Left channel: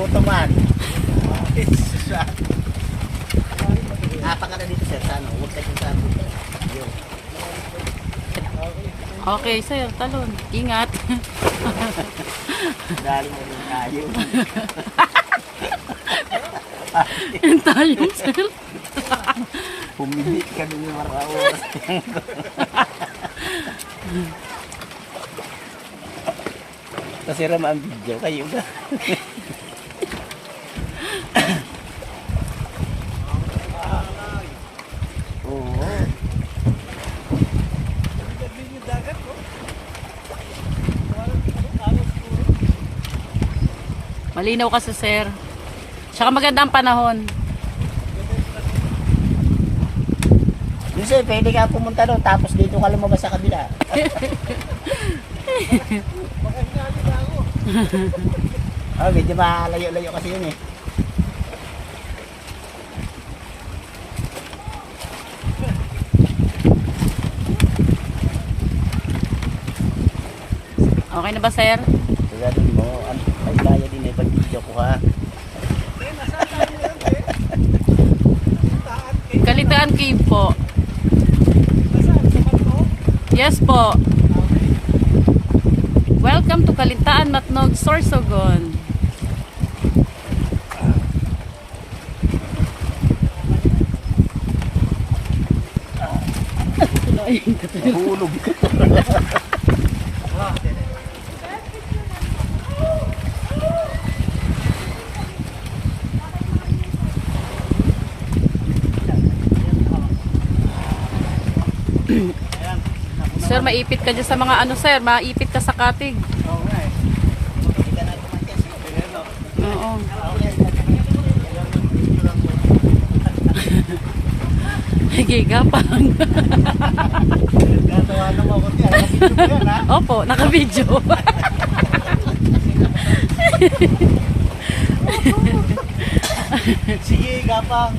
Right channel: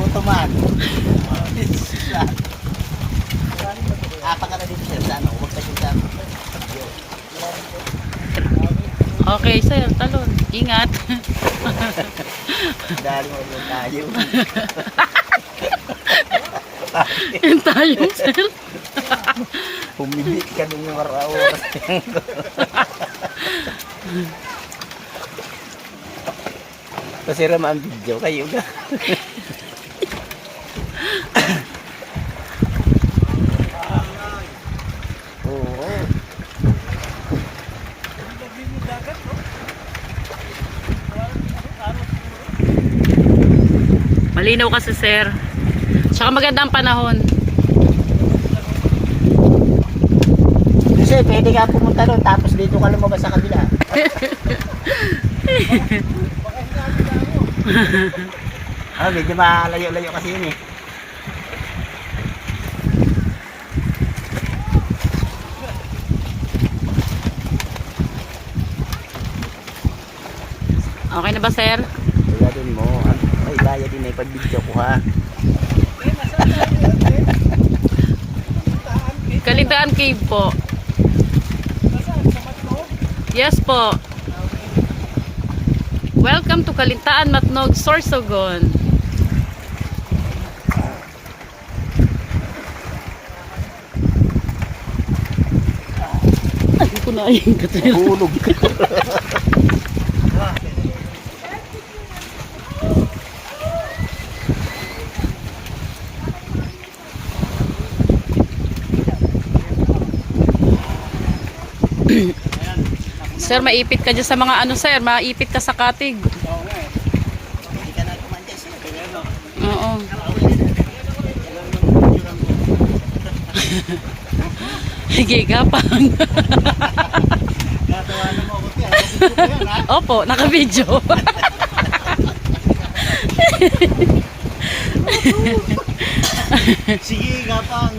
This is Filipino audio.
nagutom man. Apa ka na dito sir, sa ano? Huwag ka dito sa ano. Okay, sir. Talon. Ingat. Dali mo rin tayo. Yan tayo, sir. Pumili ka nung marawas. Pasira mo ang video kayo ka. Oo. Malinaw kasi, sir. Tsaka maganda ang panahon. Kasi pwede ka pumunta doon tapos dito ka lumabas sa kabila. Medyo malayo-layo kasi yun eh. Okay na ba, sir? Kaya din mo, may laya din eh pag video ko ha. Kalintaan Cave po. Yes po. Welcome to Kalintaan Matnog, Sorsogon. Ay, kunain ka tayo. Hulog. Sir, maipit ka dyan sa mga ano, sir. Maipit ka sa katig. Oo nga eh. Hindi ka na kumantes. Oo. Gigapang. Natawa na mo ako tiyan. Opo, naka-video. Sige, gapang.